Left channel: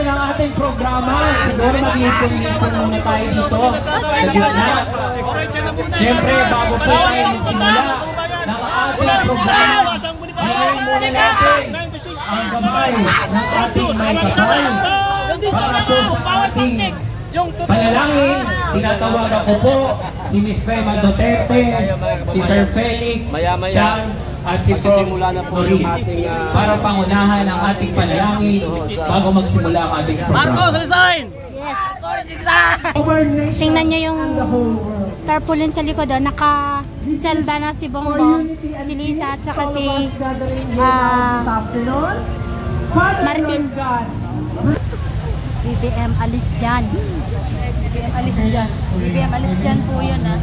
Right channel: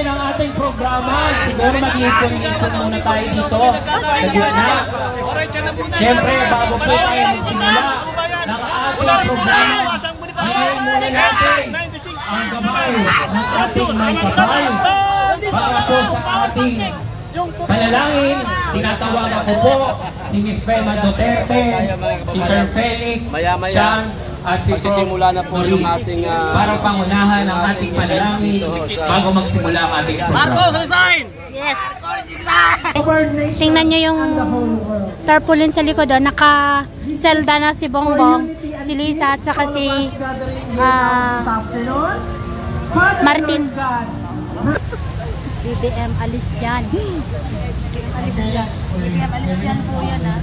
natin ang ating programa. Siguro mag-ikon-ikon muna tayo dito sa gitna. Siyempre, bago po tayo magsimula ng ating programa, hingin muna natin ang gamay ng ating mga kapal para po sa ating panalangin. Tinatawagan ko po si Miss Fema Duterte, si Sir Felix, Chan, at si Simula na po yung ating para pangunahan ang ating panalangin bago magsimula ang ating programa. Marcos, resign! Yes! Tingnan nyo yung tarpaulin sa likod. Naka-selda na si Bongbong, si Lisa at saka si Martin. BBM alis dyan. BBM alis dyan. BBM alis dyan po yan, ha?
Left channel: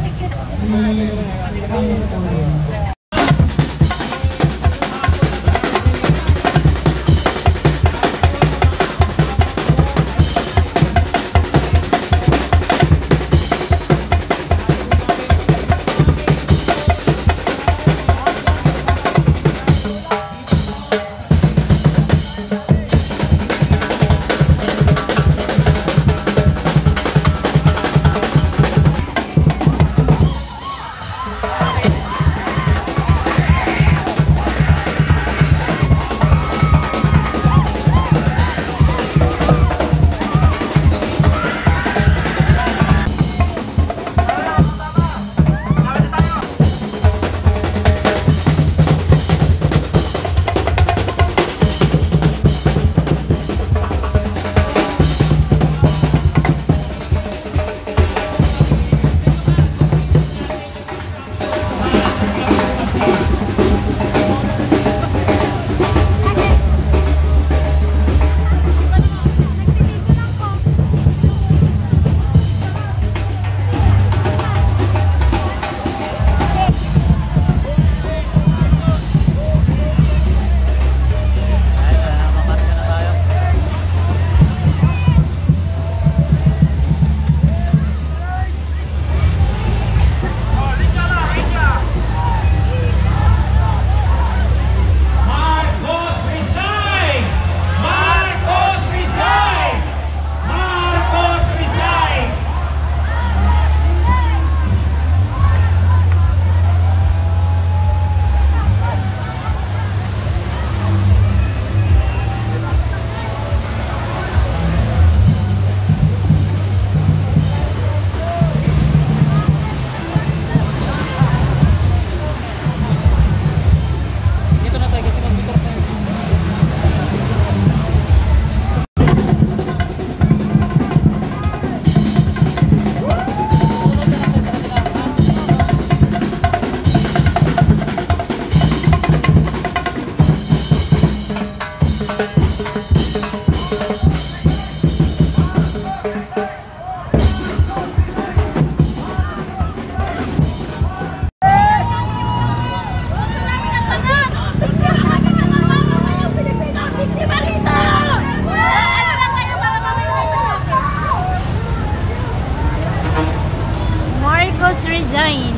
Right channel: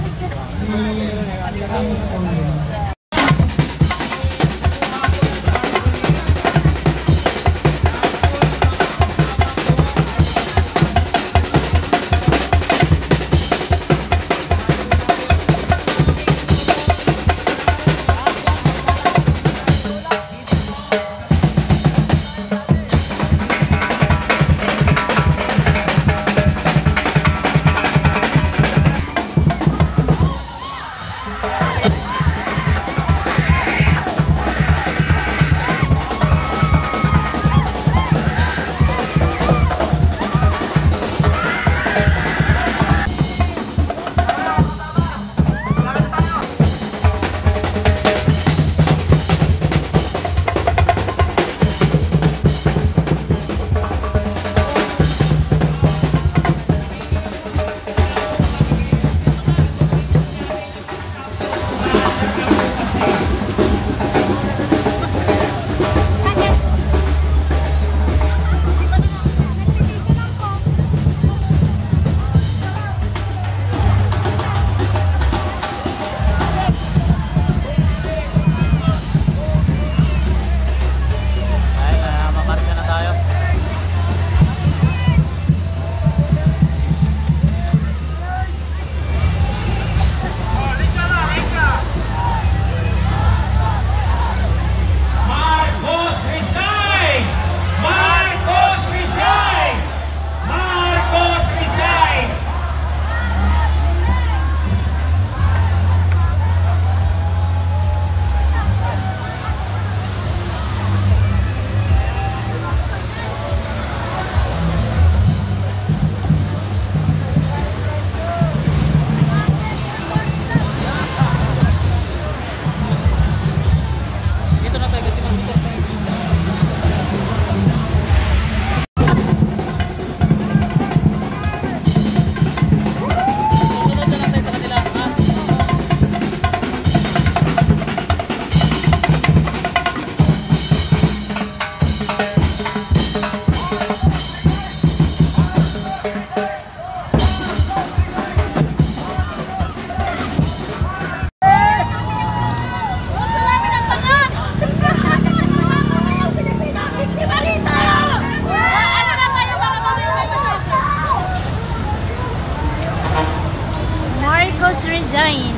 Resign.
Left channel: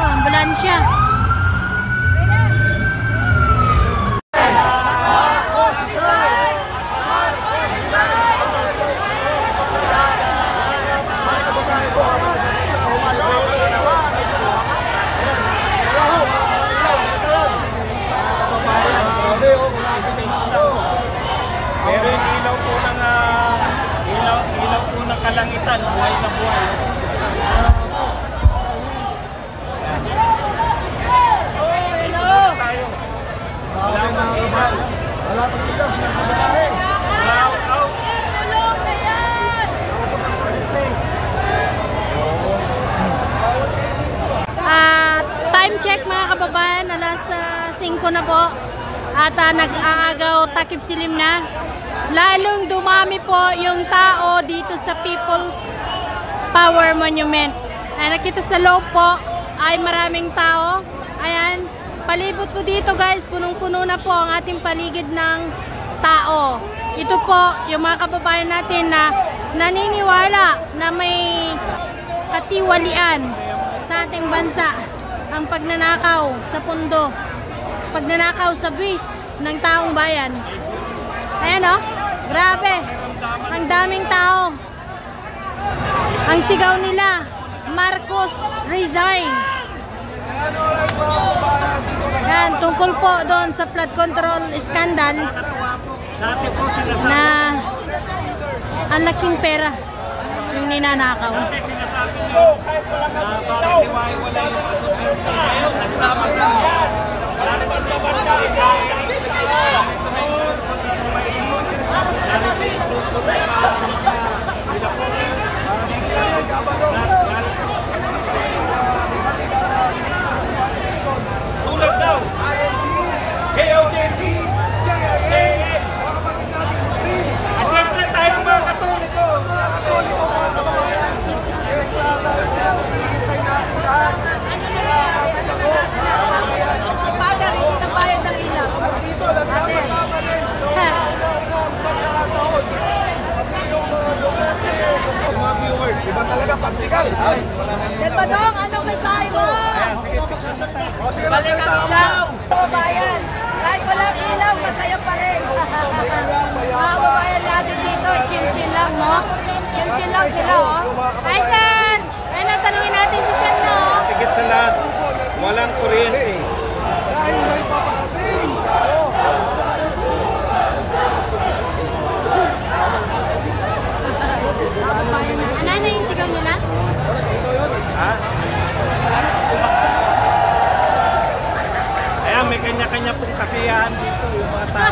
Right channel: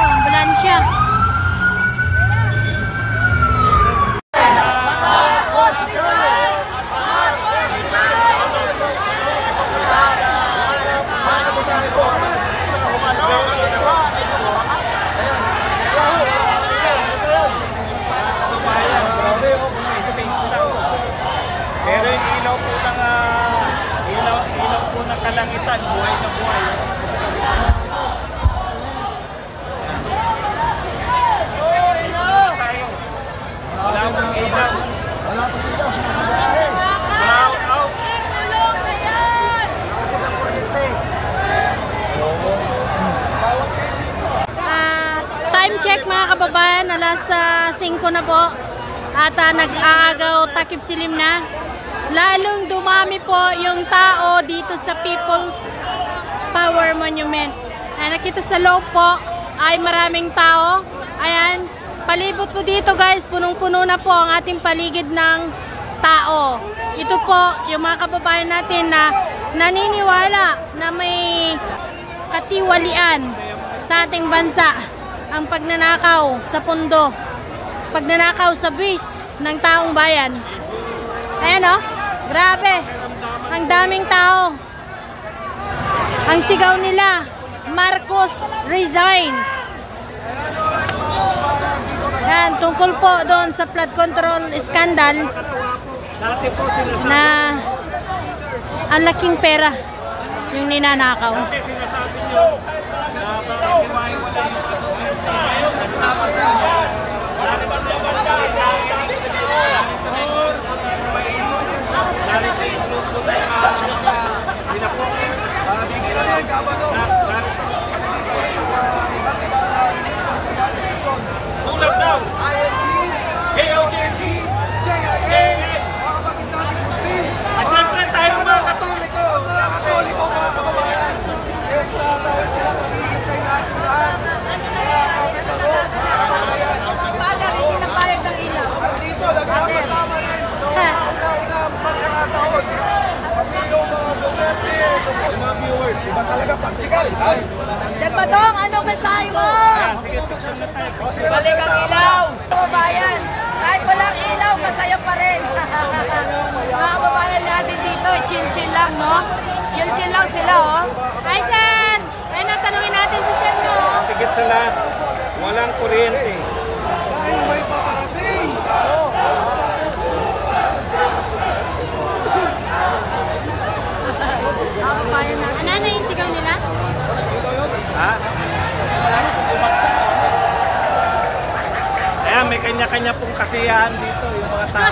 Ambulansya. Pero yung ilaw po ng ilaw po ng kalangitan, buhay na buhay. Wala pang ilaw, sinasabihin. Time check mga kababayan, alas 5 na po. At nag-aagaw takip silim na. Lalong dumami po yung tao dito sa People's Power Monument. Nakita sa loob po ay maraming tao. Ayan, palibot po dito guys, punong-puno na po ang ating paligid ng tao. Ito po yung mga kababayan natin na naniniwala na may katiwalian sa ating bansa ang pagnanakaw sa pundo, pagnanakaw sa buwis, ng taong bayan. Ayan o, grabe. Ang daming tao. Ang sigaw nila, Marcos resign. Yan, tungkol po doon sa flood control scandal na ang laking pera yung ninanakaw. Iba talaga pagsigal. Ay. Badong, ano mensahe mo? Ayan, sige, picture na tayo. Sige, magsalita ka lang. Kababayan, kahit walang ilaw, masaya pa rin. Mga kababayan natin dito, chin-chin lang, no? Chin-chin lang sila, oh. Hi, sir! Ayun, tanungin natin si sir, no? Sigit sa lahat, walang kuryente. Dahil may paparating. Ano na yung sigaw nila? Ayan, may kanya-kanya pong kasiyahan dito yung mga tao.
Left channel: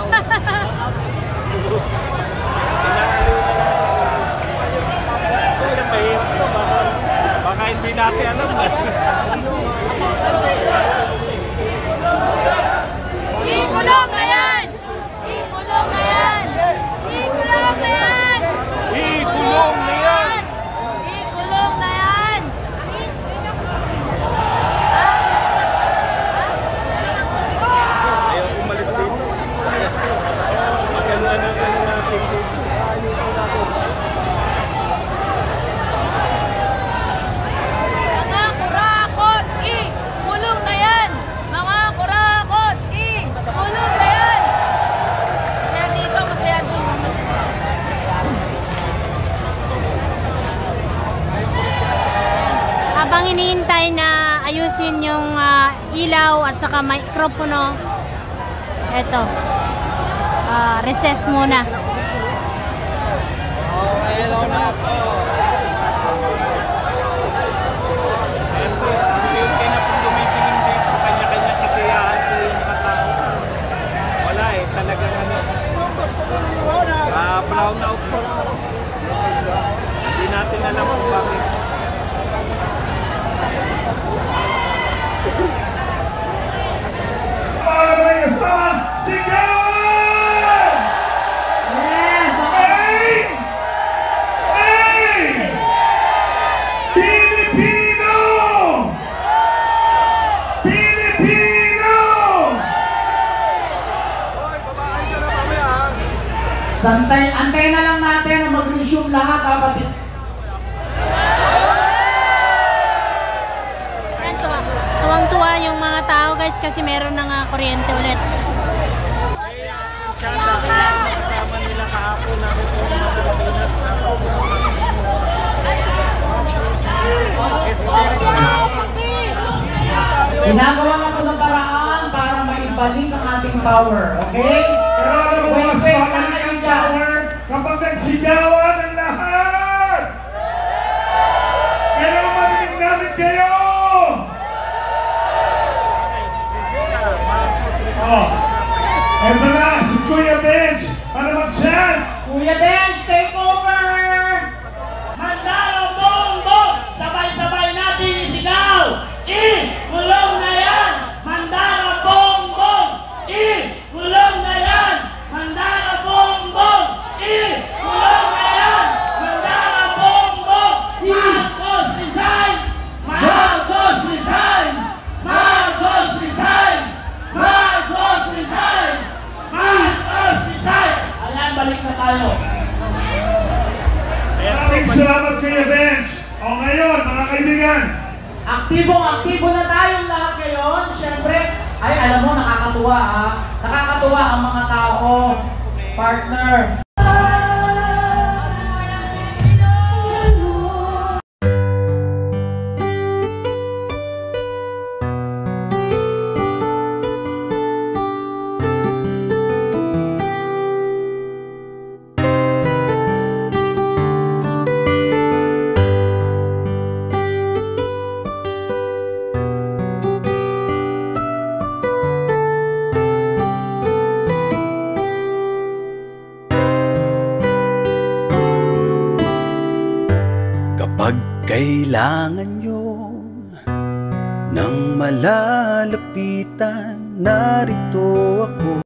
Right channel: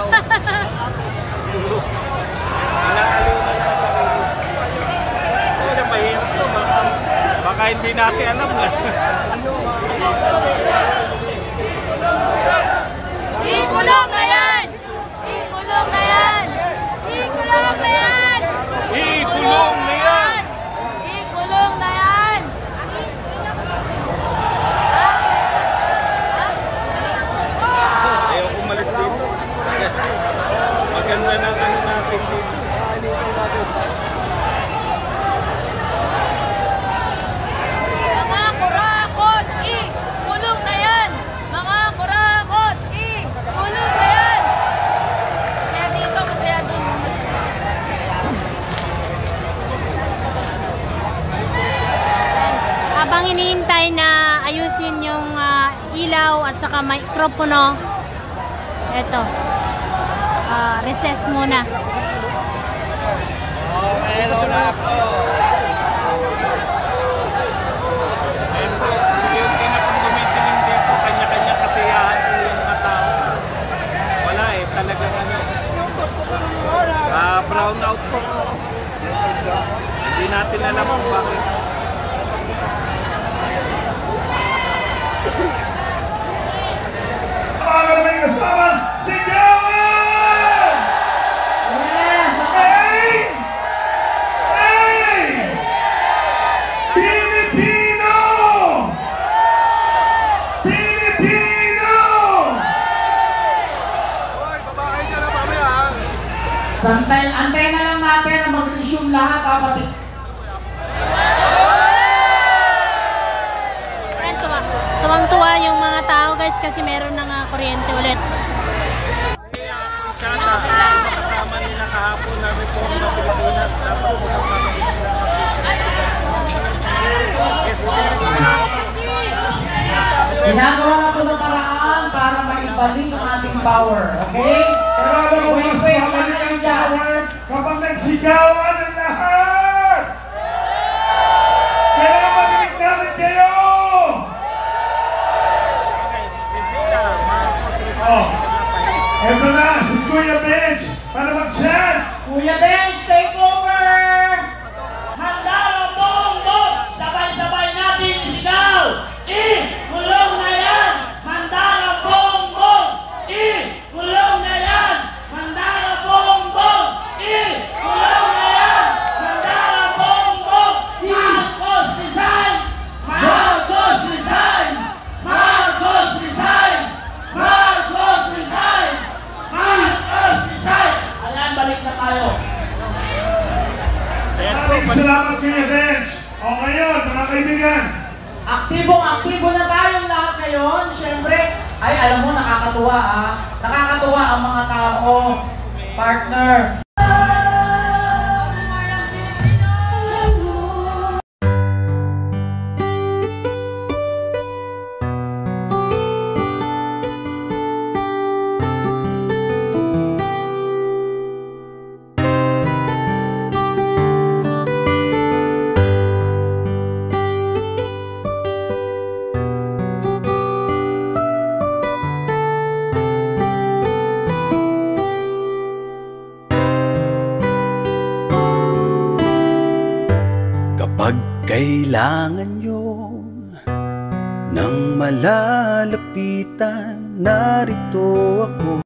Baka hindi natin alam na. Ikulong na yan! Ikulong na yan! Ikulong na yan! Ikulong na yan! Ikulong na yan! Umalis din. Maganda na Mga kurakot! Ikulong na yan! Mga kurakot! Ikulong na yan! Kaya dito masaya doon. Habang hinihintay na ayusin yung ilaw at saka mikropono, eto, recess muna. Oh, hello na ako. Siyempre, yung pinakatumitingin dito, kanya-kanya kasiyahan yung mga tao. Wala eh, talagang ano. Brown out po. Hindi natin alam kung bakit. Para may kasama, sigawan! Yes! Hey! Hey! Pilipino! Pilipino! Antay na lang natin na mag-resume lahat, kapatid. Tuwang-tuwa yung mga tao guys kasi meron ng kuryente ulit. Ginagawa na po ng paraan para maibalik ang ating power, okay? Pero alam mo kasi, habang yung power, kapag nagsigawan ang lahat! Kailangan marinig namin kayo! Oh, eto na, si Kuya Bench, para mag-chat! Kuya Bench, take over! Mandalo Bongbong! Sabay-sabay natin isigaw! Ikulong na yan! Mandalo Bongbong! Ikulong na yan! Mandalo Bongbong! Ikulong na yan! Mandalo Bongbong! Marcos resign! Marcos resign! Marcos resign! Marcos resign! Marcos resign! Ayan, balik na tayo. Maraming salamat Kuya Bench! O ngayon, mga kaibigan, Aktibo na tayong lahat ngayon. Siyempre, ay alam mo, nakakatuwa Nakakatuwa ang mga tao, partner. Kapag kailangan nyo ng malalapitan, narito ako.